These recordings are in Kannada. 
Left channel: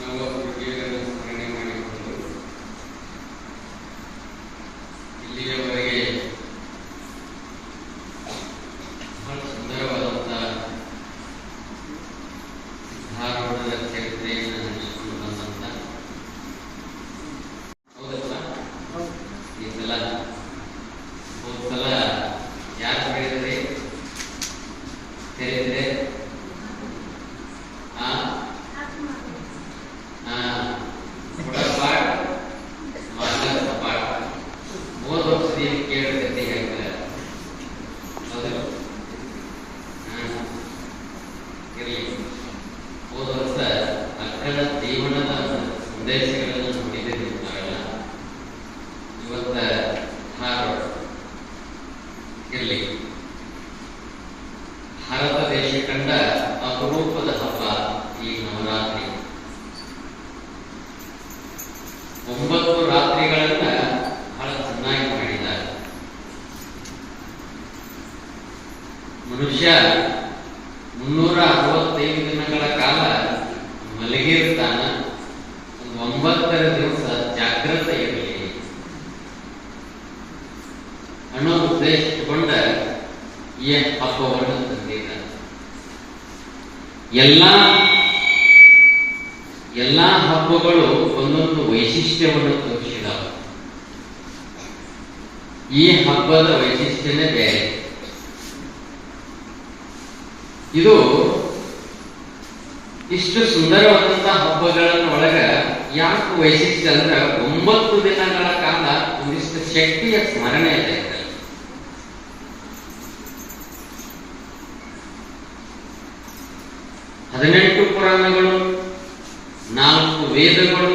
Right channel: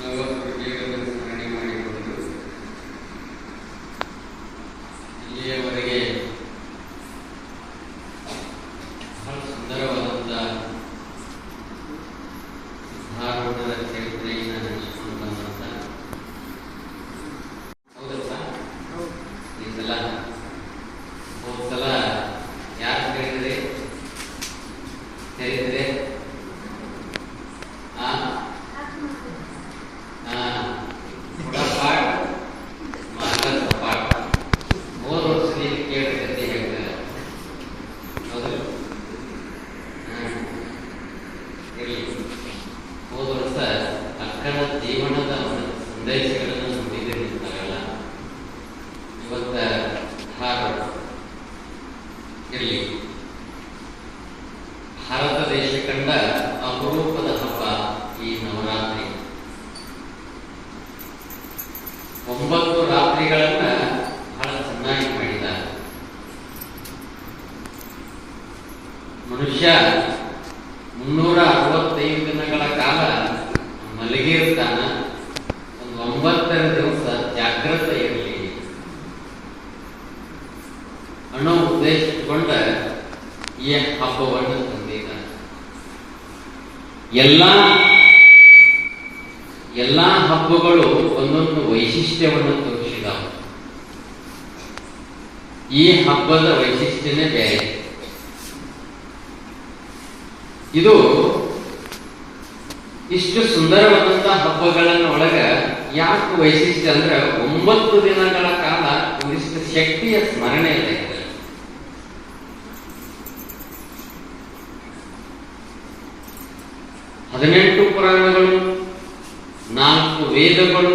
No, ಮನುಷ್ಯ ಮುನ್ನೂರ ಅರವತ್ತೈದು ದಿನಗಳ ಕಾಲ ಮಲಗಿರ್ತಾನ ಒಂದು ಒಂಬತ್ತರ ದಿವಸ ಜಾಗೃತ ಇರಲಿ. ಅನ್ನೋ ಉದ್ದೇಶ ಇಟ್ಟುಕೊಂಡ ಈ ಹಬ್ಬವನ್ನು ತಂದಿದ್ದಾನೆ ಎಲ್ಲಾ ಎಲ್ಲಾ ಹಬ್ಬಗಳು ಒಂದೊಂದು ವೈಶಿಷ್ಟ್ಯವನ್ನು ತೋರಿಸಿದವು. ಈ ಹಬ್ಬದ ವೈಶಿಷ್ಟ್ಯನೇ ಬೇರೆ. ಇದು ಇಷ್ಟು ಸುಂದರವಾದಂತಹ ಹಬ್ಬಗಳನ್ನ ಒಳಗ ಯಾಕೆ ವೈಶಿಷ್ಟ್ಯ ಅಂದ್ರೆ ಒಂಬತ್ತು ದಿನಗಳ ಕಾಲ ಒಂದಿಷ್ಟು ಶಕ್ತಿಯ ಸ್ಮರಣೆ ಇದೆ. ಹದಿನೆಂಟು ಪುರಾಣಗಳು, ನಾಲ್ಕು ವೇದಗಳು,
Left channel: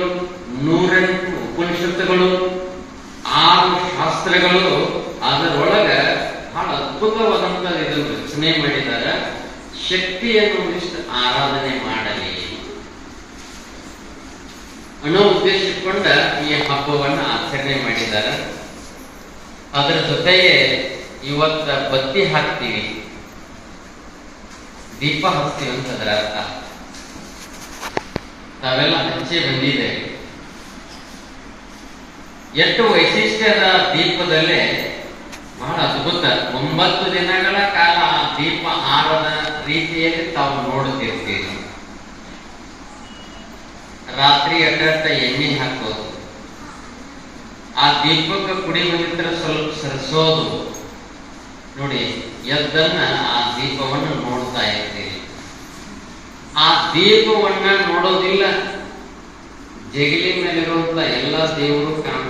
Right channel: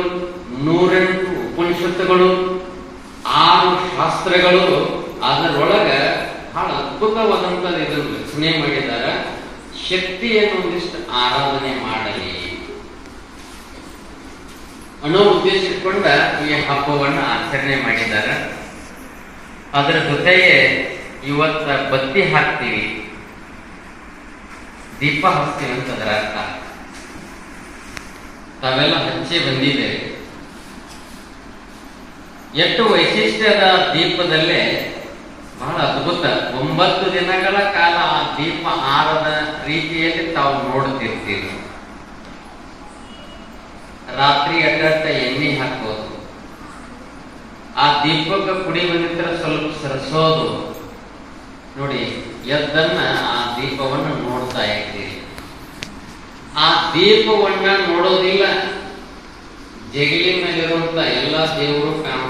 ನೂರೆಂಟು ಉಪನಿಷತ್ತುಗಳು, ಆರು ಶಾಸ್ತ್ರಗಳು, ಅದರೊಳಗೆ ಬಹಳ ಅದ್ಭುತವಾದಂತ ಇದನ್ನು ರಚನೆ ಮಾಡಿದ್ದಾರೆ ಶಕ್ತಿಯನ್ನು ಒಂದಿಷ್ಟು ಆರಾಧನೆ ಮಾಡಲಿ. ಅನ್ನೋ ಉದ್ದೇಶ ಇಟ್ಕೊಂಡ ಈ ಹಬ್ಬವನ್ನು ಆಚರಣೆ ಮಾಡಿದ್ದಾರೆ. ಅದರ ಜೊತೆಗೆ ಇವತ್ತ ಬತ್ತಿ ಹಾಕ್ತೀವಿ. ದೀಪ ಹಚ್ತೀವಿ ಅಂತ ಅದರ ಅರ್ಥ. ತಾವೆಲ್ಲ ಹಚ್ಚಿ ಬಂದಿದ್ದೇವೆ ಎಷ್ಟು ವೈಶಿಷ್ಟ್ಯದ ದೀಪದಲ್ಲೇ ಬಹಳ ಅದ್ಭುತ ಒಂಬತ್ತು ದಿನಗಳ ಕಾಲ ಆ ದೀಪ ಆರದ ರೀತಿಯಲ್ಲಿ ತಾವು ನೋಡುತ್ತಿರ್ತೀರಿ ರಾತ್ರಿ ಅಡ್ಡಡ್ಡ ಎಣ್ಣೆ ಹಾಕೋದು. ಆ ದೀಪಕ್ಕೆ ಕುಡಿ ಬಂದಿದ್ರೆ ಸ್ವಲ್ಪ ಸರಿಸೋದು. ನೋಡಿ, ಎದ್ದನ್ನ ಆ ದೀಪವನ್ನು ನೋಡ್ತಾ ಇದ್ದೀರಿ ಆ ದೀಪವನ್ನ ನೋಡೋದಿಲ್ಲ. ಜಗಲಿ ಮೇಲಿರುವಂತ ಎಲ್ಲಾ ದೇವರು ಕಾಣ್ತಿರ್ತಾವ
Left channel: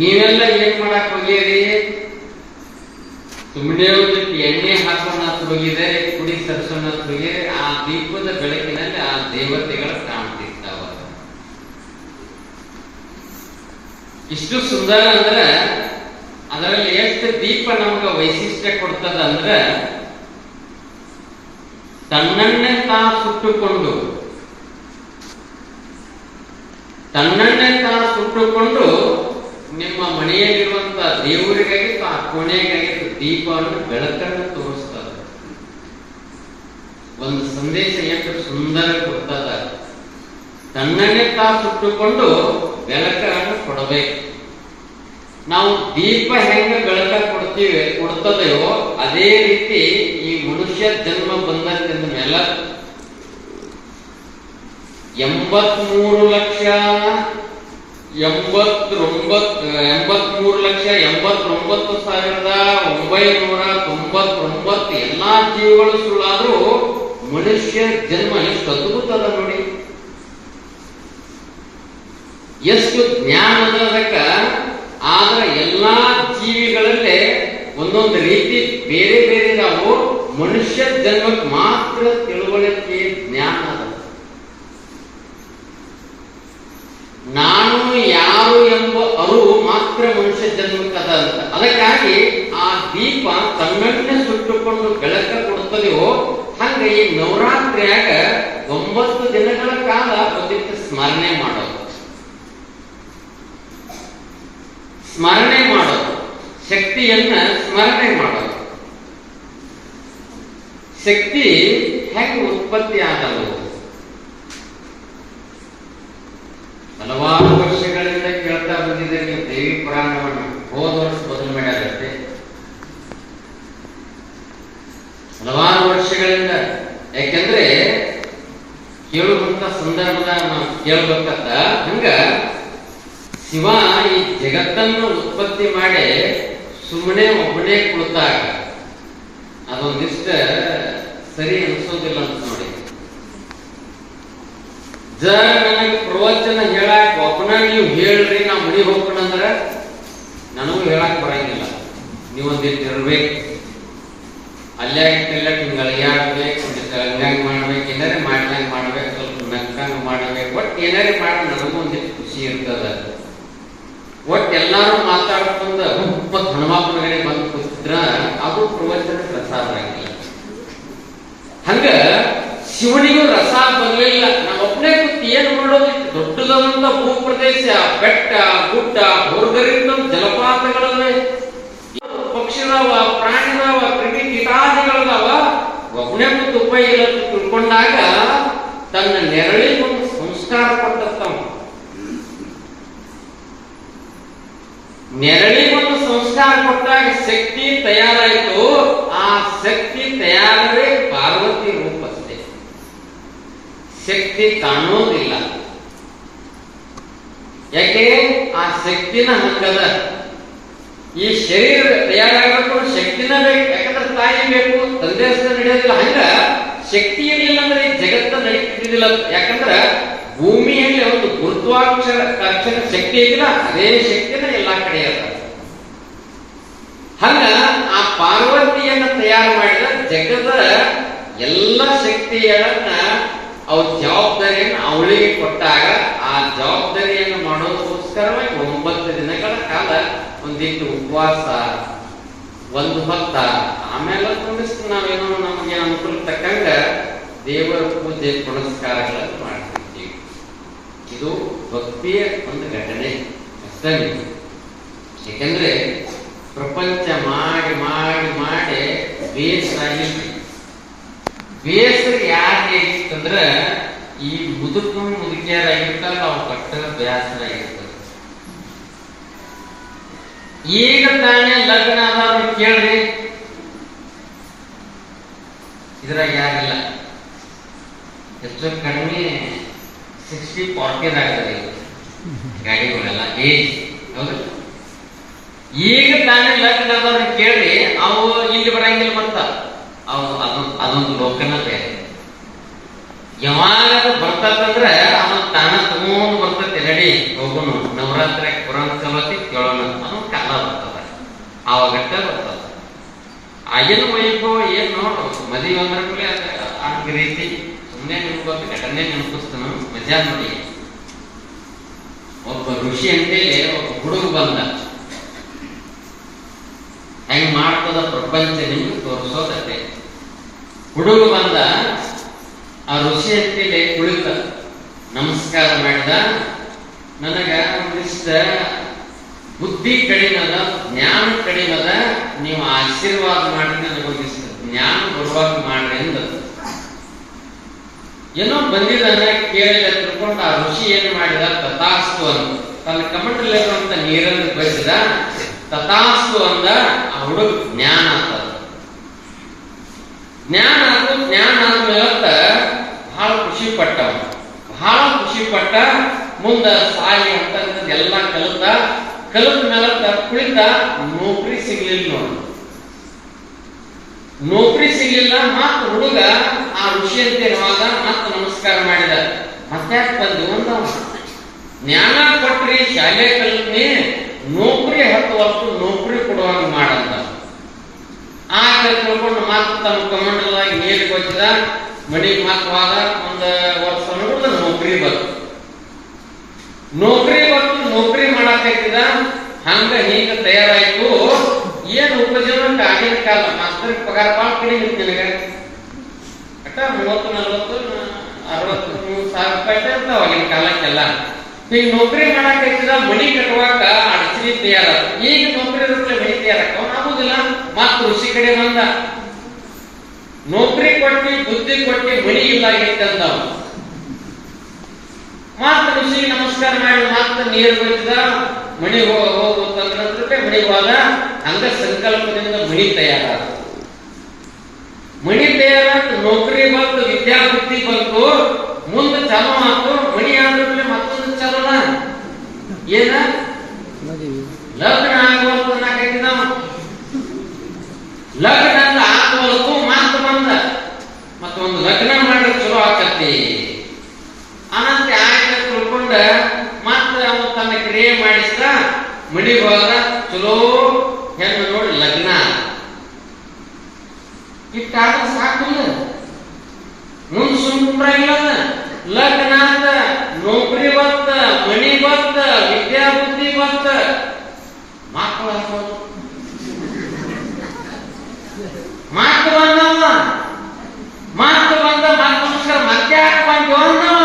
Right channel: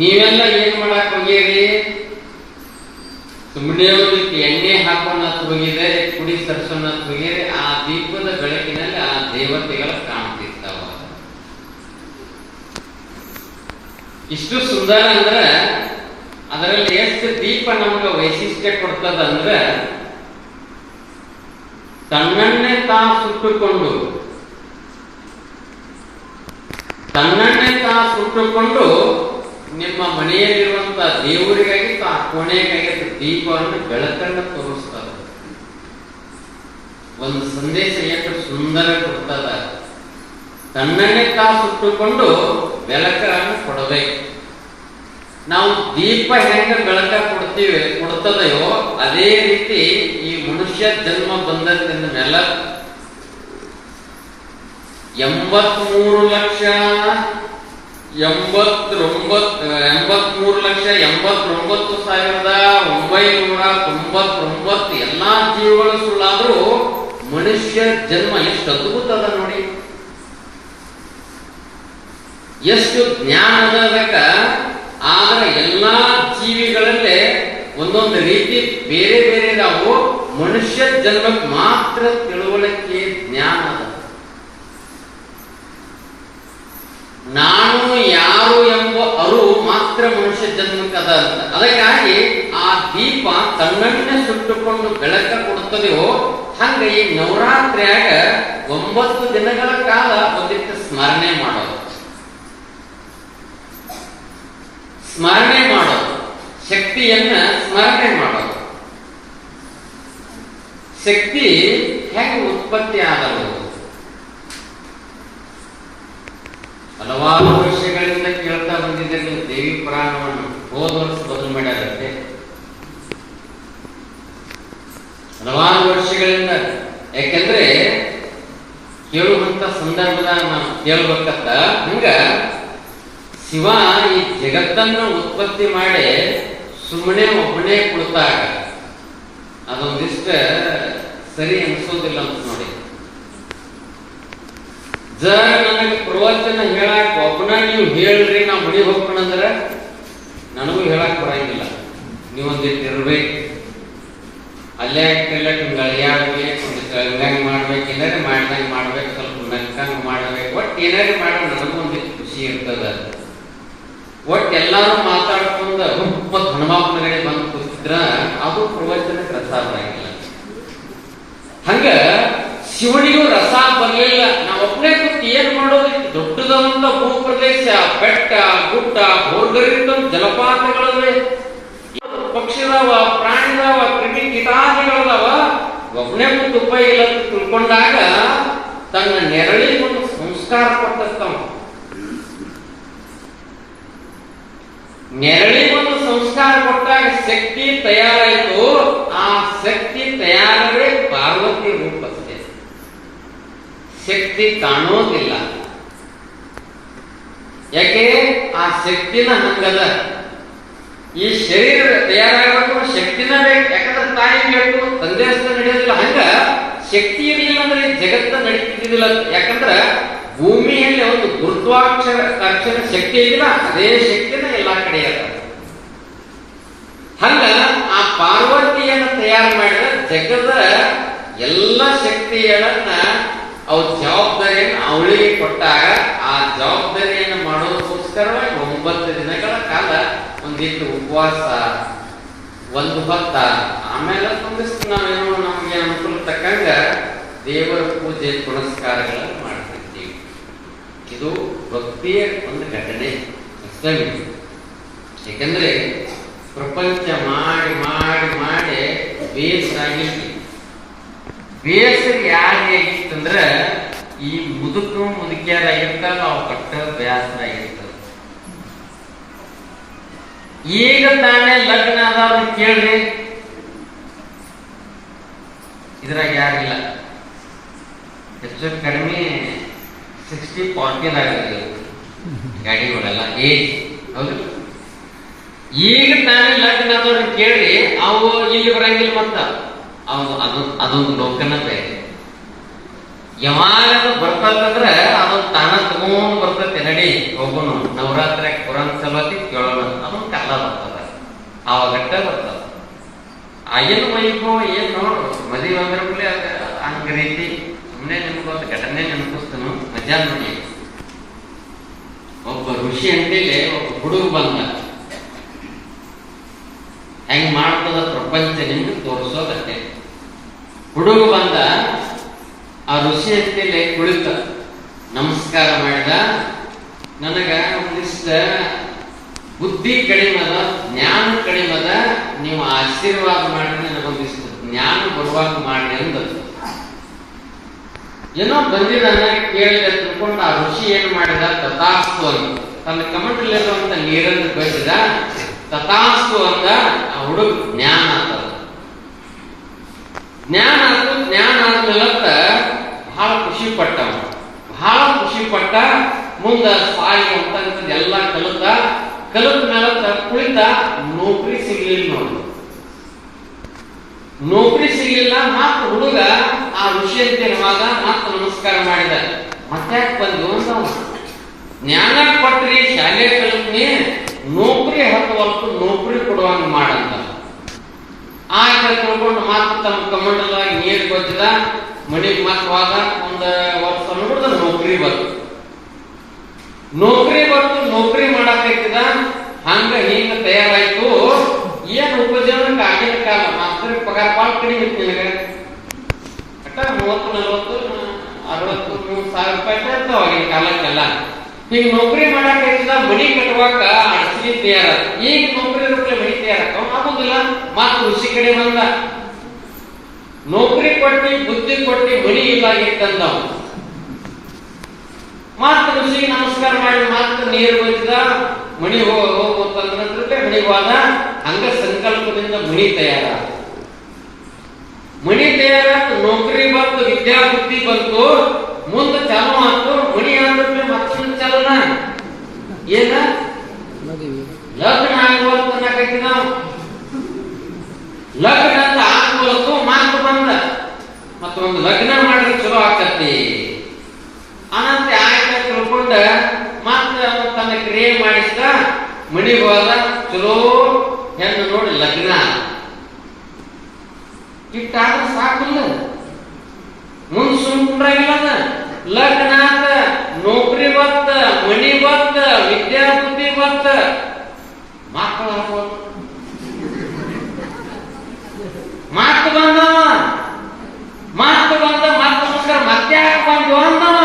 ನೀವೆಲ್ಲ ಏನ್ ಮಾಡಕ್ ಹೋಗಿರಿ? ಸುಮ್ಮನೆ ಎಣ್ಣೆ ಹಾಕೋಣ ಹೋಗಿದ್ರೆ ಕುಡಿ ಸರ್ಸೋಣ ಹೋಗಿರಿ ಆ ದೀಪದ ಬೆಳಕಿನಲ್ಲಿ ಆ ದೇವತೆಗಳ ಕಾಣ್ತಿರ್ತಾವ. ಇಷ್ಟು ಸುಂದರ ಅಂದ್ರ, ಅದರಲ್ಲಿ ಎಷ್ಟು ದೀಪ ನಮ್ಗ ವೈಶಿಷ್ಟ್ಯ ಕೊಡ್ತದ ಅಂದ್ರ ತನ್ನನ್ನೇ ತಾ ಸುಟ್ಟುಕೊಂಡು, ತನ್ನನ್ನೇ ತಾ ಸುಟ್ಟುಕೊಂಡು ನಿಮ್ಮ ಮನೆಯಲ್ಲಿರುವಂತ ದೇವರಿಗಾಗಿ ಆ ಕೋಣೆಗಾಗಿ ದೀಪವನ್ನು ಬೆಳಕನ್ನು ತೋರಿಸ್ತಾರೆ. ಒಂದು ಸಂದೇಶ ಎಷ್ಟು ಸುಂದರ ಕೊಡ್ತದ. ತನ್ನನ್ನೇ ತಾ ಸುಟ್ಟುಕೊಂಡು ಬೆಳಕನ್ನು ಕೊಡಬೇಕು. ನಾವು ದೀಪ ಹೆಂಗ ಬೆಳಕ ಕೊಡ್ತೀವಿ, ಕೊಡ್ತದೆಯೋ ಅದೇ ರೀತಿ ಈ ಮನುಷ್ಯ ಜನ್ಮ ಬಂದಂತ ಮೇಲೆ ಎಂಬತ್ಮೂರು ಲಕ್ಷ ಎಂಬತ್ತೊಂಬತ್ ಎಂಬತ್ಮೂರು ಲಕ್ಷ ಎಂಬತ್ತೊಂಬತ್ತು ಸಾವಿರದ ಒಂಬೈನೂರ ತೊಂಬತ್ತೊಂಬತ್ತು ಎಲ್ಲಾ ಜೀವಗಳು ಸುಳ್ಳಾದ್ರೂ ಮನುಷ್ಯ ಜನ್ಮ ಎಷ್ಟು ಅದ್ಭುತದ ಅದ ನೋಡಿ. ಎಷ್ಟು ಜ್ಞಾನ ಅದ ಅದಕ್ಕ. ಆದ್ರೆ ಎಲ್ಲಾ ಜೀವಿಗಳಲ್ಲೇ ಒಂದೊಂದು ರೀತಿ ಬೇರೆ ಬೇರೆ ನಾವು ಮನುಷ್ಯ ಜನ್ಮಕ್ಕೆ ಮಾತ್ರ ತಿಳುವಳಿಕೆ ಜ್ಞಾನ ಅದ. ನಾನು ಮಾತ್ರ ಮನುಷ್ಯ ಜನ್ಮಕ್ಕದ ಅಂತ. ಅದಕ್ಕಾಗಿ ಆ ದೀಪ ತನ್ನನ್ನ ಸುಟ್ಟುಕೊಂಡು ಬೆಳಕ ಕೊಡುತ್ತದೆಯೋ, ಹಂಗ ಈ ನವರಾತ್ರಿಯಾಗ ಒಂಬತ್ತು ದಿನಗಳ ಕಾಲ ಒಂದಿಟ್ಟು ಸ್ಮರಣೆ ಮಾಡೋದು. ಸ್ಮರಣೆ ಮಾಡೋದು. ಶಕ್ತಿಯನ್ನ ಸ್ಮರಣೆ ಮಾಡೋದು. ಶಕ್ತಿ ಹೆಂಗೆ ಉತ್ಪತ್ತಿ ಆದವು ಹಲವಾರು ಬಂದಿದ್ದರೆ ನೀವು ಪುರಾಣವನ್ನು ಹೋದ ವರ್ಷ ಬದಲು ಮಾಡಿದಂತೆ. ಹಲವಾರು ವರ್ಷಗಳಿಂದ. ಯಾಕೆಂದ್ರೆ ಕೇಳುವಂತ ಸಂದರ್ಭದ ಕೇಳಬೇಕಂತ. ಹಂಗ ಶಿವ ಈ ಜಗತ್ತನ್ನು ಉತ್ಪತ್ತಿ ಮಾಡಿ ಸುಮ್ಮನೆ ಒಬ್ಬನೇ ಕುಳಿತಾಗ ಅದೊಂದಿಷ್ಟ ಸರಿ ಅನಿಸೋದಿಲ್ಲ ಅಂತ ನೋಡಿ. ಜ ನನಗೆ ಪ್ರವಚನ ಹೇಳಕ್ ಒಬ್ಬನ ನೀವು ಹೇಳ್ರಿ ನಾ ಮುಡಿ ಹೋಗ್ಕೊಂಡಂದ್ರ ನನಗೂ ಹೇಳಕ್ ಬರಂಗಿಲ್ಲ. ನೀವೊಂದಿಟ್ಟು ಇರ್ಬೇಕು ಅಲ್ಲೇ ಇಲ್ಲ ನಿಮ್ಗೆ ಅಳಿಯಾಡ್ಬೇಕು ಒಂದಿಷ್ಟು ಹಂಗಾಗಿ ಮಾಡ್ಬೇಕು, ಏನಾರ ಮಾಡ್ದಂಗೆ ಮಾಡ್ಬೇಕು, ಸ್ವಲ್ಪ ಮೆಕ್ಕಂಗ್ ಮಾಡ್ಬೇಕು. ಒಟ್ಟು ಏನಾರ ಮಾಡಿ ನನಗೂ ಒಂದಿಷ್ಟು ಖುಷಿ ಇರ್ತದ. ಒಟ್ಟು ಎಲ್ಲಾರು ಮಾತಾಡ್ಕೊಂಡು ಹುಪ್ಪ ಹನುಮಾಪನಗಡೆ ಬಂದು ಕೂತಿದ್ರ, ಅದು ಪ್ರವಚನ ಪ್ರಸಾದ ಆಗಿಲ್ಲ. ಹಂಗ ಶಿವನಿಗೂ ರಸ ಬರಲಿಲ್ಲ ನಾವು ಒಬ್ಬನೇ ಕೂತು ಏನ್ ಮಾಡೋದು ದೊಡ್ಡದಂತ ಭೂಪ್ರದೇಶ, ಬೆಟ್ಟ, ಗುಡ್ಡ, ಭೋರ್ಗರಿಂದ ಜಲಪಾತಗಳವೆ. ಪಕ್ಷಿದಾವ ಪ್ರಾಣಿದಾವ ಕ್ರಿಮಿ ಕೀಟಾದಿಗಳದಾವ? ಒಬ್ಬನೇ ಕೂತು ಉಪಾಯ ಇಲ್ಲ ತಿಳ್ಕೊಂಡಾಗ ತನ್ನ ನೆರಳಿ ಒಂದು ಸಂಸ್ಕಾರ ಕೊಟ್ಟಂತವ. ನೆರಳಿಗೊಂದು ಸಂಸ್ಕಾರ ಕೊಟ್ಟಾಗ ಶಕ್ತಿ ತಯಾರಾಯಿತು. ಆ ಶಕ್ತಿ ತಯಾರವೇ ಪಾರ್ವತಿ ರೂಪಸ್ಥೆ ಶಕ್ತಿ ಕಾಣೋದಿಲ್ಲ ಯಾಕೆ? ಆ ಶಕ್ತಿನ ಹಂಗದ ಈ ಶರೀರ ತಯಾರಾಗಬೇಕು, ಶಕ್ತಿನ ಬೇಕು. ಯಾಕಂದ್ರೆ ತಾಯಿ ಬೇಕು, ತಂದೆ ನಡೆಯೋದಿಲ್ಲ. ಹಂಗ ಶಕ್ತಿ ಏನಿಲ್ಲ ಅಂದ್ರೆ ಈ ಜಗತ್ತ ನಡೀತಿದ್ದಿಲ್ಲ ಯಾಕಂದ್ರ ಭೂಮಿಯಲ್ಲಿ ಒಂದು ಗುರುತ್ವಾಕ್ಷರ ಅಕ್ಷರ ಶಕ್ತಿ ಇದೆಯಲ್ಲ ಅದೇ ಶಕ್ತಿನ ಎಲ್ಲಾ ಕಡೆ ಅದ ಹಂಗ ಆ ಪಾರ್ವತಿಯನ್ನು ತಯಾರು ಮಾಡಿದ ಜಗದ ಎಲ್ಲ ಶಕ್ತಿಗಳನ್ನ ಅವ್ ಜವಾಬ್ದಾರಿಯನ್ನು ಅವಳಿಗೆ ಕೊಟ್ಟಾಗ ಆ ಜವಾಬ್ದಾರಿಯನ್ನು ಮಾಡೋದಕ್ಕೋಸ್ಕರವಾಗಿ ಒಂಬತ್ತು ದಿನಗಳ ಕಾಲ ಒಂದಿಟ್ಟು ಉಪವಾಸ, ಒಂದು ಭಕ್ತ ಆಮೇಲೆ ತುಂಬಿಸಿ ನಾವೇನೋ ನಮಗೆ ಅನುಕೂಲ ತಕ್ಕಂಗ ದೇವರ ಪೂಜೆ ಪುನಸ್ಕಾರಗಳನ್ನು ಮಾಡ್ತಿದ್ದೀವಿ ಇದು ಭಕ್ತಿಯ ಒಂದು ಘಟನೆ, ಅಷ್ಟೇ. ಯಾಕಂದ್ರೆ ಪ್ರಪಂಚ ಮಾಡಿ ಮಾಡಿ ಮಾಡಿ ಬೇಸಾಗಿ ಬೇಸರ ಯಾರಿಗೆ ಆಗಿತ್ತಂದ್ರ ಈ ಮುದುಕು ಮುದುಕಿಯರ ನಾವು ಕಟ್ಟ ಬೇಸರ ಆಗಿರ್ತದೆ ಈಗ ತಾನೇ ಲಗ್ನ ಅದಾರು ಕೇಳ್ರಿ. ಇದ್ರಾಗ ಯಾರಿಲ್ಲ. ಹೆಚ್ಚು ಕಡಿಮೆ ಸಿಕ್ಸ್ಟಿ ಫಾರ್ಟಿನ್ ಆಗದೆ ಗಾಡಿಗಳೆಲ್ಲ. ಏಜ್ ಹೌದು. ಈಗ ತಾನೇ ಲಗ್ನ ಅದಾರು ಕೇಳ್ರಿ ಅವು ಇಲ್ಲಿ ಬರಂಗಿಲ್ಲ ಮತ್ತ. ಅವು ಅದು ಅದೊಂದು ಲೋಕನ ಬೇರೆ ಯಾವಾಗ ಅದು ಬರ್ತದಂದ್ರೆ ಅದು ತಾನ ತಗೊಂಡು ಬರ್ತೈತೆ, ನಡಿ ಹೋಗುನು ನವರಾತ್ರಿ ಕುರಾನ್ ಸಲತಿ ಕೇಳೋಣ. ಅದೊಂದು ಕಾಲ ಬರ್ತದ. ಆವಾಗಟ್ಟ ಬರ್ತದ. ಆಗಿನ ವೈಭವ ಏನು ಮದುವೆ ಅಂದ್ರೆ ಕೂಡ ಅದ ಹಂಗ ರೀತಿ ಸುಮ್ಮನೆ ನೆನಪು ಘಟನೆ ನೆನಪಿಸ್ತಾನು, ಮಜಾ ನೋಡಿ. ಒಬ್ಬ ಋಷಿ ಅಂತೇಳಿ ಒಬ್ಬ ಹುಡುಗ ಬಂದ. ಹೆಂಗ್ ಮಾಡ್ತದ ಪ್ರಪಂಚ ನಿಮ್ಗೆ ತೋರಿಸೋದಕ್ಕೆ ಹುಡುಗ ಬಂದ, ಆ ಋಷಿ ಹತ್ತಿಯಲ್ಲಿ ಕುಳಿತ. ನಮಸ್ಕಾರ ಮಾಡಿದ. ನನಗ ಒಂದಿಷ್ಟ ಬುದ್ಧಿ ಕಡಿಮದ, ಜ್ಞಾನ ಕಡಿಮದ, ನೀವು ಆಶೀರ್ವಾದ ಮಾಡಿ ನನಗೊಂದಿಷ್ಟು ಜ್ಞಾನ ಬರುವಾಗ ಮಾಡ್ರಿ ಅಂದ ಏನೋ ಬಂದಿದ್ದಾನೆ, ಕೇಳಿದ, ತಿಳ್ಕೊಂಡು ಆ ಋಷಿ ಏನು ಮಾಡಿದ? ತಥಾಸ್ತು ಅಂತ ತನ್ನ ಕಮಟಲ್ಲಿರುವಂತ ನೀರನ್ನು ಬಯಸಿದ ತಥಾಸ್ತು ಅಂದ, ಆ ಹುಡುಗ ಜ್ಞಾನ ಅಂತ. ಜ್ಞಾನ ಅಂದ್ರೆ ಜ್ಞಾನ ಆದ್ಮೇಲೆ ಬಹಳ ಖುಷಿ ಪಟ್ಟವ ಬಹಳ ಖುಷಿ ಪಟ್ಟ ಮುಂದ ಸಾಯಿ ಅಂತ ಎಲ್ಲ ಕಲಿತ ಕಲಿತ ಮೇಲೆ ಕುಳಿತ ನೌಕರಿ ಸಿಗ್ಲಿಲ್ಲ ನೋಡಿ. ನೌಕರಿ ಸಿಗ್ಲಿಲ್ಲ, ಮತ್ತ ಹುಡುಗ ಆ ಋಷಿ ಅಂತ ಇರುವಾಗ ಮತ್ತ ನಮಸ್ಕಾರ ಮಾಡಿದ. ಮತ್ತೆ ಬಂದು ಅಂತ. ಜ್ಞಾನ ಕೊಟ್ರಿ, ಶಾಲೆ ಕಲಿತ್ನಿ, ನೌಕರಿ ಹತ್ತುವಲ್ತು ನೌಕರಿ ಕೊಡುವಂಗ ಮಾಡಂತ. ಆ ಮಾತ್ರ ಮಾತು ತಮ್ಮ ಕಮಂಡಲವಾಗಿ ನೀರು ಕೊಟ್ಟಿದ ಮಡಿಗೆ ಮಾತ್ರ ಒಂದು ವರ್ಷ ನೋಡಿದ್ರೆ ನೌಕರಿ ಬಂತು. ನೌಕರಿ ಬಂತು, ನೌಕರಿ ಮಾಡಕೈತಿದ ಹಂಗ ಹಿಂಗ ತಯಾರಾಯ್ತು. ಏನ್ ಉಪಜೀವನಕ್ಕೆ ಆಗಿನ ಕಾಲ ಮಾಸ್ತರ್ ಪಗಾರ ಭಾಳ ಕಡಿಮೆ ಇತ್ತು ನಿನಗೆ. ಮೂವತ್ತು, ನಲವತ್ತು, ಅರವತ್ತು ಮೂರು ಸಾವಿರ ರೂಪಾಯಿ ಇರ್ತಾವ ಆಗಿನ ಕಾಲಕ್ಕೆಲ್ಲ. ಈಗ ನೌಕರಿ ಮಾಡಕ್ ಮನಿ ಕಟ್ಟುವಾಗ ಅಡಚಣೆ ತಯಾರ. ಈಗ ನೌಕರಿ ರೂಪಾಯಿ ಮನಿ ತಯಾರಕ್ಕ ಆಗುದಿಲ್ಲ ಮತ್ ಕೃಷಿ ಕಡೆ ಬಂದ. ನೌಕರಿ ಕೊಟ್ಟಿ, ಬುದ್ಧಿ ಕೊಟ್ಟಿ ಮನಿ ಇಲ್ಲ ಆಗಿತ್ತಂದ ಮತ್ ಋಷಿ ನಮಸ್ಕಾರ ಮಾಡಿ ಮತ್ ನೀರು ಬಿದ್ದ ಮನಿ ಹೋಗುತ್ತಂದ್ರೆ ಮಣಿ ಹೋದ ಅಂಗ ಸಂಕಲ್ಪದಿಂದ ಮನಿ ತಯಾರ. ಮಣಿ ತಯಾರಾದ ನೌಕರಿ ಬಂತು, ವಿದ್ಯಾಬುದ್ಧಿ ಬಂತು, ಮುಂದೆ ಚಾಲು ಆತು ಮಣಿ ಆದ್ಮೇಲೆ ಮತ್ತೊಂದು ಚಾಲುನ ಏನ? ಲಗ್ನ ಅನ್ನಕತ್ತಿ ನಾವು. ಲಗ್ನ ಅಂತ ಆಗುವಲ್ತು ಮಾತು ಬಂದ. ಮತ್ತೊಂದು ಲಗ್ನ ಮಾಡಿದ್ರೆ ಚಲೋ ಆಕತಿ ಅನಂತ ಆಯ್ತು ತಿಳ್ಕೊಂಡ ಮತ್ತೆ ಅವನು ತನ್ನ ಕ್ರಿಯೆ ಮಾಡಿಸಿದ ಮಣಿ ಹೋದ ಚಲೋ ಹೆಣ್ಣು ನೋಡಿ ಲಗ್ನ. ಇಟ್ಟಾದ್ರೆ ಸಾಕಿಲ್ಲ. ಮುಂದೆ ಸುಮ್ಮನೆ ಲಗ್ನ ಆತ ನೌಕರಿ ಬತ್ತ, ಮನಿ ಬತ್ತ, ವಿದ್ಯಾಬುದ್ಧಿ ಬತ್ತ. ಮಕ್ಕಳು ಹಾಕೋದು ಮಾತು ಬಂದವ. ಮಾತು ಬಂದ ಮಾತು ಮುಸ್ಕರ ಮತ್ತೆ ಯಾಕೆ ಬಂದು ಅಂದವ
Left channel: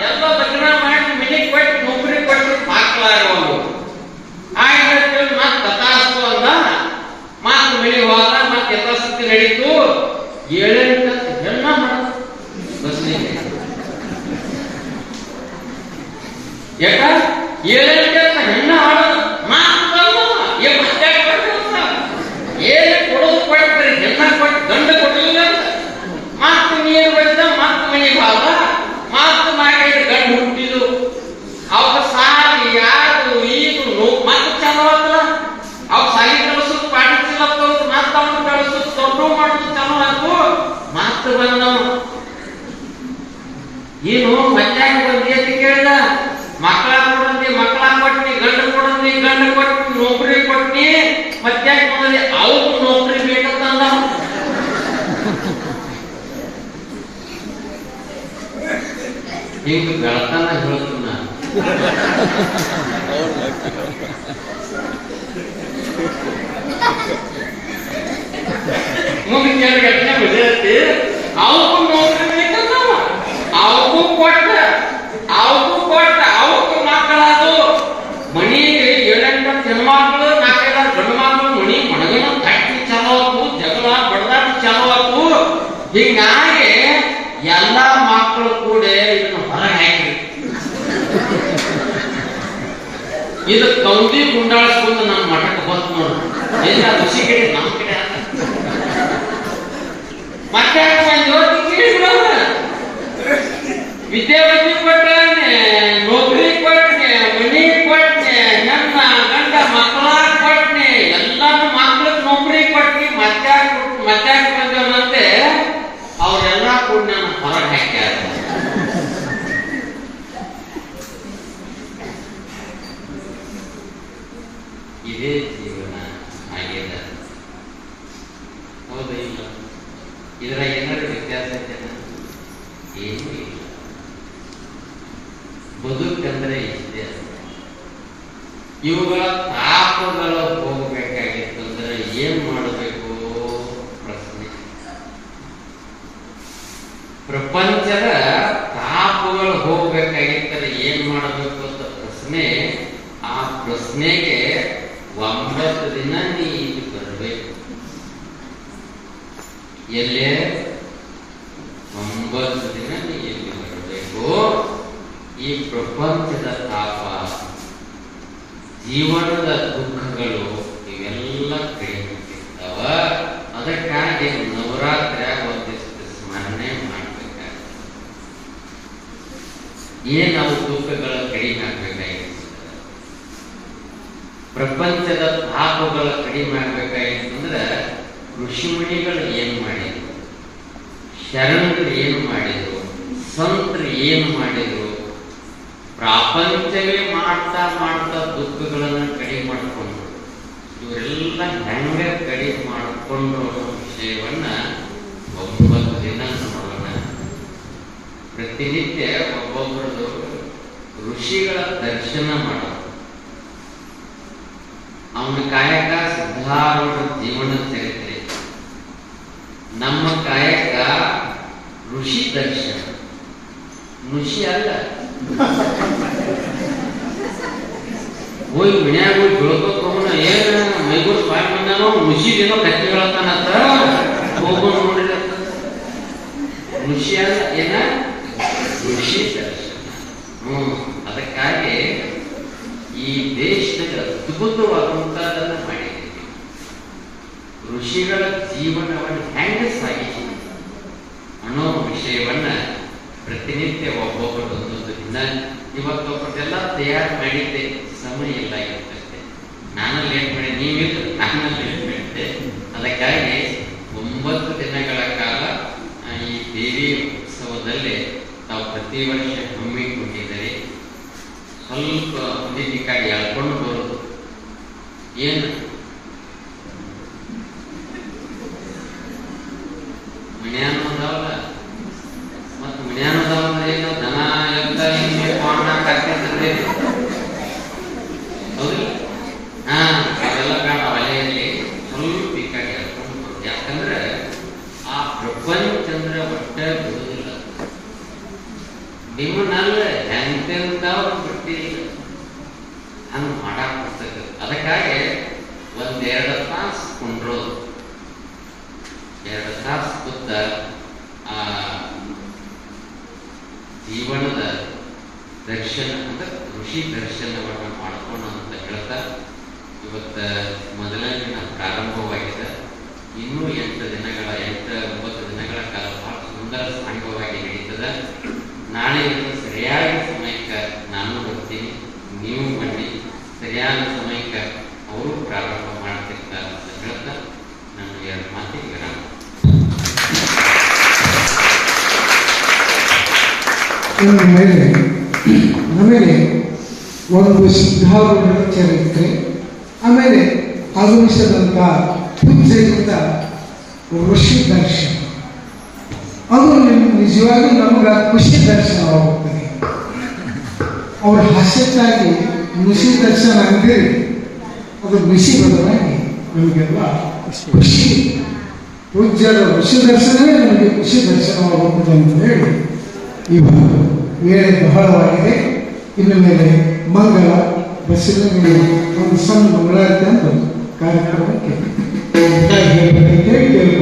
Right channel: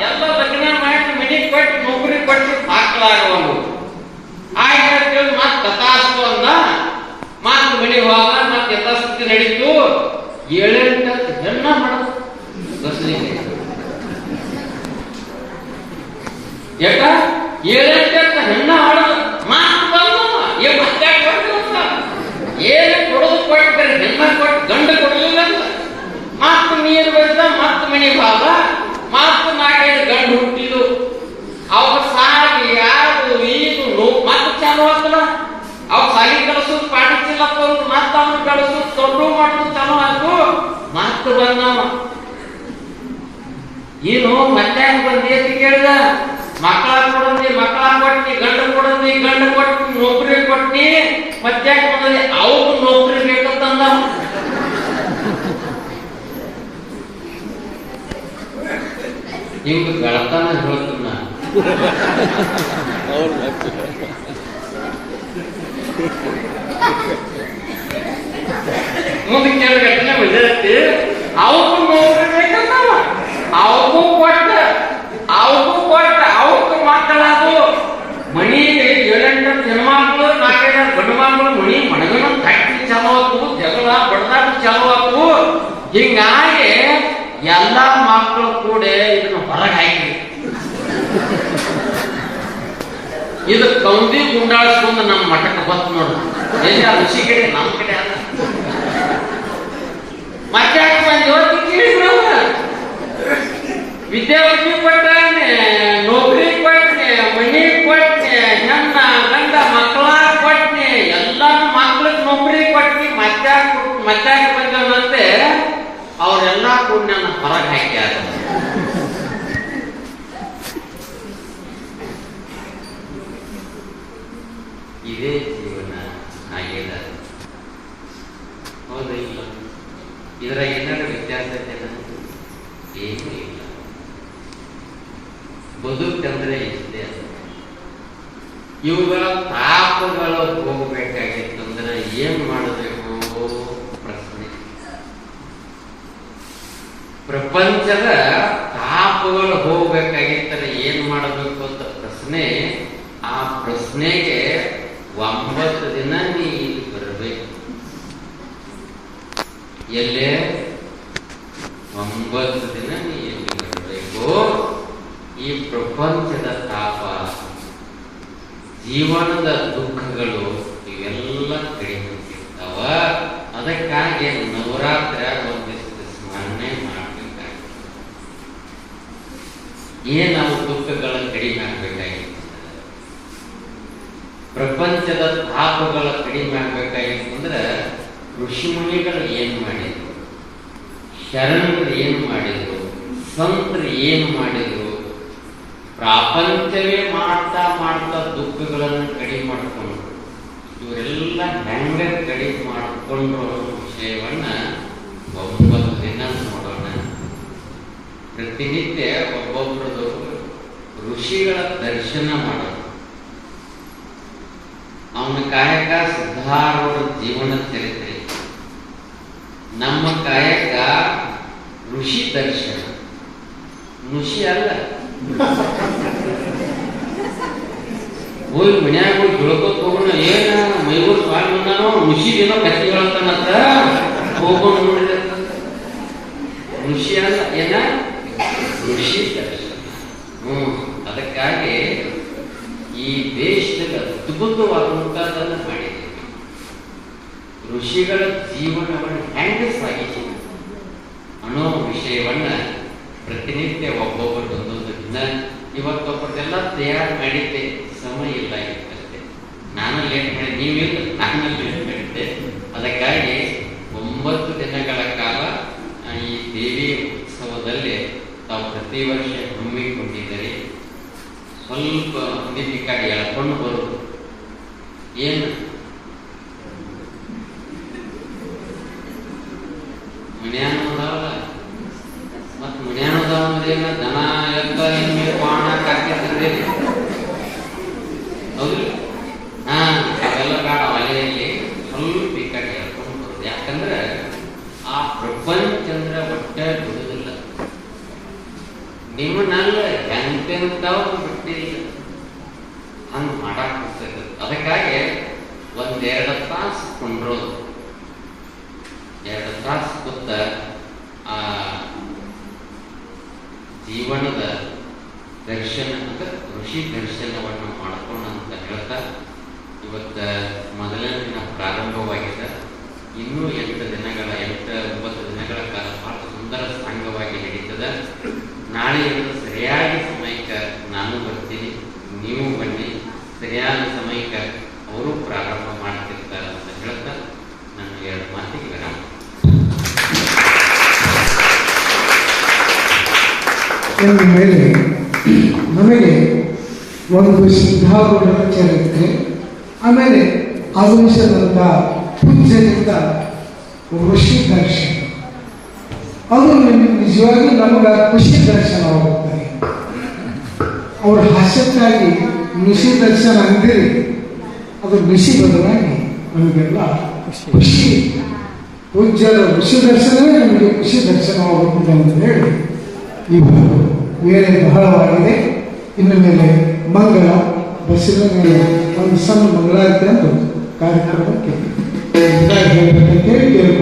ಎಲ್ಲ ಲಗ್ನ ಮಾಡಿ ಮನಿ ಕೊಟ್ಟು ನೌಕರಿ ಕೊಟ್ಟು ಮಕ್ಕಳಾಗವನು ಆಯ್ತು ಮತ್ತೆ ತಥಾಸ್ತು ಅಂದ. ಮಾತು ಮನಿ ಹೋದ ಮತ್ತೆ ಯಥಾಸ್ಥಿತಿ ನಡೀತು. ಏಳೆಂಟು ಹೆಣ್ಣ ಮಾಡೋದು ಬಸ್ಲಿಗೆ ಯಾಕ ಏಳೆಂಟು ಹೆಣ್ಣ ಆಡೋದು ಮಾತು ಏನು ಕೊಡೋದು ಕೊಡ್ತಾರೆ ಹೆಣ್ಣ ಕೊಟ್ಟು ಗಂಡ ಕೊಡಲಿಲ್ಲ ಮಾತು ನೀರು ಬಡಿದ ಮಾತು ಮನೆ ಭಾವ. ಮಾತು ಮಾಡಿದ ಗಂಡು ಹುಟ್ಟಿದು ಅವಾಗ ಸಾಲಿ ಯಾರು ಈದು ನೋ- ಮತ್ತೆ ಚಾಲು ಆಗ್ತದ? ಅವ್ ಸಾಲಿ ಕಲಿಸೋದು ಪಾಠಿಸಿಲ್ಲ ಮತ್ತೆ ಅವನು ಕಳಿಸೋದು ಮಾಡೋದು ಚಾಲು ಮಾತು ಏನು ಮತ್ತೆ ಕೇಳಿದ? ಮಕ್ಕಳ ಕೊಡಂದಿ ಮಕ್ಕಳ ಕೊಟ್ಟಿ, ಗಂಡ ಕೊಡಂದಿ ಗಂಡ ಕೊಟ್ಟಿ, ನೌಕರಿ ಕೊಟ್ಟಿ ಮತ್ತೆ ಬಂದಿ ಅವ್ರು ನೌಕರಿ ಬೇಕಂತಂದ. ನಿಮ್ಗೆ ಗಳತನ ಹೇಳ್ತೀನಿ? ನಾನು ಮುಂದೆ ಕೆಲವು ಘಟನೆ ಬಿದ್ದೈತಿ ಅವಕ್ಕೂ ನೌಕರಿ ಬೇಕಂತಾವ. ಅವಕ್ಕೂ ಕೊಟ್ಟ ಅವಕ್ಕೂ ಕೊಟ್ಟ ಅವಕ್ಕೂ ಮಕ್ಕಳದು ಮನಿ ಏಳೆಂಟು ಹೆಣ್ಮಕ್ಳು ನಾಲ್ಕೈದು ಗಂಡು ಮಕ್ಕಳು ಮಣಿ ಮಣಗನ ತಟ್ಟಿ ಚಲೋ ಆತು ಜಗಳ ಬಡದಾಟ ಚಲೋ ಆತು ಹಿಂಗಾಗಿ ಎಲ್ಲ ಮಕ್ಕಳು ಕೂಡ ಇದನ್ನ ಹೊರಗೆ ಹಾಕಿ ಇದು ಕೌಂದಿ ಗುಂಡಾಳಿಸ್ಕೊಂಡು ನಮ್ಮ ಮಠಕ್ಕೆ ಬಂತು ನೋಡ್ರಿ ಋಷಿ ಕಡೆ ನಮ್ಮ ಕಡೆ ಅಲ್ಲ. ಮತ್ತೆ ಇವತ್ತು ವಿದ್ಯಾವಂತಿ ಕೊಟ್ಟನೆ ನೌಕರಿ ಕೊಟ್ಟೆ ಮನಿ ಕೊಟ್ಟೆ ಹೆಣ್ಣ ಗಂಡ ಮಕ್ಕಳ ಕೊಟ್ಟೆ ಎಲ್ಲ ಮಕ್ಳಿಗೆ ನೌಕರಿ ಕೊಟ್ಟಿ ಕೊಟ್ಟು ಮಧ್ಯಾಹ್ನ ಬಂದವನಂತೆ ಅವರೆಲ್ಲ ಕೂಡ ನನ್ನ ಹೊರಗೆ ಹಾಕ್ಯಾರ ಇದೇ ಜೀವನ ಹಾಗೇದ ಹೌದಾ ಇಲ್ಲ ಇದರ ಏನಾದ್ರು ವ್ಯತ್ಯಾಸ ಇದೆಯಾ? ಏನೂ ಇಲ್ಲ ಬದುಕಂದ್ರೆ ಇಷ್ಟೇ ಇವುಗಳ ತಾಪಗಳು ಹೋಗಬೇಕಾಗಿತ್ತಂದ್ರೆ ಏನ್ ಮಾಡಬೇಕು? ಪ್ರಶ್ನೆ. ಪ್ರಪಂಚದ ತಾಪಗಳು ಹೋಗ್ಬೇಕಾಗಿತ್ತಂದ್ರೆ ಏನ್ ಮಾಡಬೇಕು ಅಂತ ಪ್ರಶ್ನೆ? ಆ ಪ್ರಶ್ನೆಗೆ ಒಂಬತ್ತು ದಿನ ನೀ ಬರಬೇಕು. ಎಲ್ಲೇ ಒಂಬತ್ತು ದಿನ ನೀ ಇಲ್ಲಿ ಬರಬೇಕು ಈ ಪ್ರಪಂಚದ ತಾಪ ಜೀವನದ ದುಃಖಗಳು ಎಲ್ಲ ಕಡಿಮೆ ಅದಕ್ಕಾಗಿ ನವರಾತ್ರಿಯಾಗ ಒಂದಿಷ್ಟು ಸ್ಮರಣೆ ಮಾಡಬೇಕಾಗ್ತದೆ. ಏನ್ ನಾವು ದುಃಖಗಳ ಕಡಿಮೆ ಆಗ್ಬೇಕಾಗಿತ್ತು ಪ್ರಪಂಚದ ಪಾಪಗಳ ಕಡಿಮೆ ಆಗ್ಬೇಕಾಗಿತ್ತಂದ್ರೆ ಋಷಿಮುನಿಗಳು ಏನ್ ಮಾಡಿದ್ರು? ಶರಣರು ಏನು ಮಾಡಿದ್ರು? ಸಂತರು ಏನು ಮಾಡಿದ್ರು? ಪ್ರಾಪಂಚವೇ ಮಾಡ್ತಾ ಮಾಡ್ತಾ ದುಃಖಗಳನ್ನು ಕಡಿಮೆ ಮಾಡಿಕೊಂಡ್ರು ಇವರೆಲ್ಲ ಹೆಂಗ ಕಡಿಮೆ ಮಾಡಿಕೊಂಡ್ರು ಅನ್ನೋ ವಿಷಯವನ್ನ ಒಂಬತ್ತು ದಿನ ನೋಡೋಣ. ಪ್ರತಿನಿತ್ಯ ಒಬ್ಬೊಬ್ಬರದು ಋಷಿಗಳ ದರ್ಶನ ಮಾಡೋದು. ಅವನ ಕಾಯಕ ಸಿದ್ಧಾರೂಢ ಜೀವನ ಚರಿತ್ರೆ. ನಮ್ಮ ಕಾಯಕ ಋಷಿ ದರ್ಶನ. ಋಷಿ ಅಲ್ಲ. ಹೋಗಿ ಮನ್ಯಾಗ ಹೋಗಿ ತಿಳ್ಕೊತ ಹೋಗೋಣ ಏನ ಮೈಗೂರು ಸ್ವಾಮಿ ಬಂದಾನೋ ಋಷಿಗೇನೋ ಕತ್ತಿ ಹೇಳ್ತಾನಂತ ಹೋಗೋಣ ನೋಡಿದ. ಋಷಿ ಅಲ್ಲ, ಏನ? ಋಷಿ ಹ್ಮ್, ಅದಕ್ಕಾಗಿ ಈ ದೇಶದಲ್ಲಿ ಅದ್ಭುತವಾದಂತಹದನ್ನ ಮಾಡಿದ್ದೀವಿ. ಋಷಿಗಳ ಜೀವನವನ್ನು ಹೆಂಗೆ ಸಾಗಿಸಿ ಅನ್ನೋ ವಿಷಯವನ್ನ ಪ್ರತಿನಿತ್ಯ ಒಬ್ಬೊಬ್ಬರು ಒಂದೊಂದು ದಿನ ಇವತ್ತೊಬ್ಬರಿಗೆಲ್ಲ ತಯಾರು ಮಾಡಿದ್ದೆ ಸಮಯ ಇಲ್ಲ ಇವತ್ತಷ್ಟೇ. ನಾನು ಲೇಟ್ ಮಾಡಿ ನೀವಿಲ್ಲ ನಾನು ಲೇಟ್ ಮಾಡಿದ್ದೆ. ಅದಕ್ಕಾಗಿ ಒಂಬತ್ತು ದಿನಗಳ ಕಾಲ ಈ ದೇವಿ ಉತ್ಸವದಲ್ಲಿ ತಾವು ಪ್ರತಿ ವರ್ಷ ಹಮ್ಮಿಕೊಂಡಿದ್ದಾರೆ. ಸ್ವಲ್ಪ ನಿಧಿಕಾಗಿ ಎಳ್ಕೊಂಡು ಬರೋದು. ಏನು ಮನ್ಯಾನ ಅದಾವಲ್ಲ ಮತ್ ಮನ್ಯಾನ ಅದಾವ ಅಂದ್ರೆ ಏನ ದನ ಎತ್ತ ಹಿಂಗೆ ಪಾಣ ಕಟ್ಟಿದ್ರೆ ಹೌದು ಹಾ ಅದೆಲ್ಲ ಬೇಡ ಒಲೆಯಲ್ಲಿ ಸ್ವಲ್ಪ ಈ ಕಡೆ ಎಳ್ಕೊಂಡು ಬರೋದು ಯಾಕಂದ್ರೆ ಆ ಪ್ರಪಂಚಂದ್ರ ಒಟ್ಟೆ ಬಿಡುವುದಿಲ್ಲ ನಿಮ್ಮನ್ನೆಲ್ಲ ಎಂತೆಂತಾವ್ ಬಿಟ್ಟಿಲ್ಲ ಹಂಗೆ ಮಾಡಕ್ ಬರ್ತೈತೆ ಅದಕ್ಕಾಗಿ ಒಂದೆರಡು ತಾಸು ಕೊಂಡ್ರೋದು. ಎರಡು ತಾಸು ಕೂತ ಆ ಜೀವನದ ದರ್ಶನ, ಅಂದ್ರೆ ಋಷಿ ದರ್ಶನವನ್ನು ಮಾಡ್ಕೋಣ ಅಂತ ಹೇಳ್ತಾ, ಇವತ್ತ ಮೊದಲನೇ ಪ್ರಾರಂಭವಾಗಿದೆ. ಇನ್ನೂ ಎಂಟು ದಿನಗಳ, ಎಂಟು ಒಂಬತ್ತು ದಿನಗಳ ಕಾಲ ಬಹಳ ಸುಂದರ ಸಾಂಗವಾಗಿ ನಡೀತದೆ. ನಾಳೆಯಿಂದ ಸರಿಯಾದ ಸಮಯಕ್ಕೆ ನಾನು ಬರ್ತೀನಿ, ನೀವು ಬನ್ನಿ. ಸರಿಯಾದ ಸಮಯಕ್ಕೆ ಅವರು ಪ್ರಾರಂಭ ಮಾಡ್ತಿರ್ತಾರೆ ಅಂತ ಹೇಳ್ತಾ ನನ್ನ ಎರಡು ಮಾತಿಗೆ ವಿರಾಮ. ಮೇಲೆ ನಮಗೆ ಒಂದು ಸಿದ್ಧಾರ್ಥ ಚರಿತ್ರೆ, ಆಮೇಲೆ ಆಗಮಿಸಿದಂಥ ಪೂಜ್ಯರಿಂದ ಋಷಿ ದರ್ಶನ. ಅದು ನಿಮ್ಗೆ ನಿಜವಾಗಿ ನಮಗೆ ಖುಷಿ ದರ್ಶನವಾಗುತ್ತದೆ ಅವ್ರ ಹಾಸ್ಯಕ್ಕಾಗಿ ಋಷಿ ದರ್ಶನ ಅಂದಿರಿ ಅದು ಋಷಿ ಬದಲಾಗಿ ನಮಗೆಲ್ಲ ಖುಷಿ ಪೂಜ್ಯರ ಋಷಿ ದರ್ಶನವೇ ನಮಗೆ ಖುಷಿ ದರ್ಶನವಾಗುತ್ತದೆ ಅಂತ ಹೇಳಿ ಇವತ್ತು ವೇಳೆ ಬಹಳವಾಗಿದೆ. ಇನ್ನು ಮೇಲೆ ಮಂಗಳ ಬಸಿಲ ಒಂದು ಸಣ್ಣ ಮಂಗಳಾರತಿ ಅಂತ ಕಾರ್ಯಕ್ರಮಕ್ಕೆ Tá, gente, tem que ter,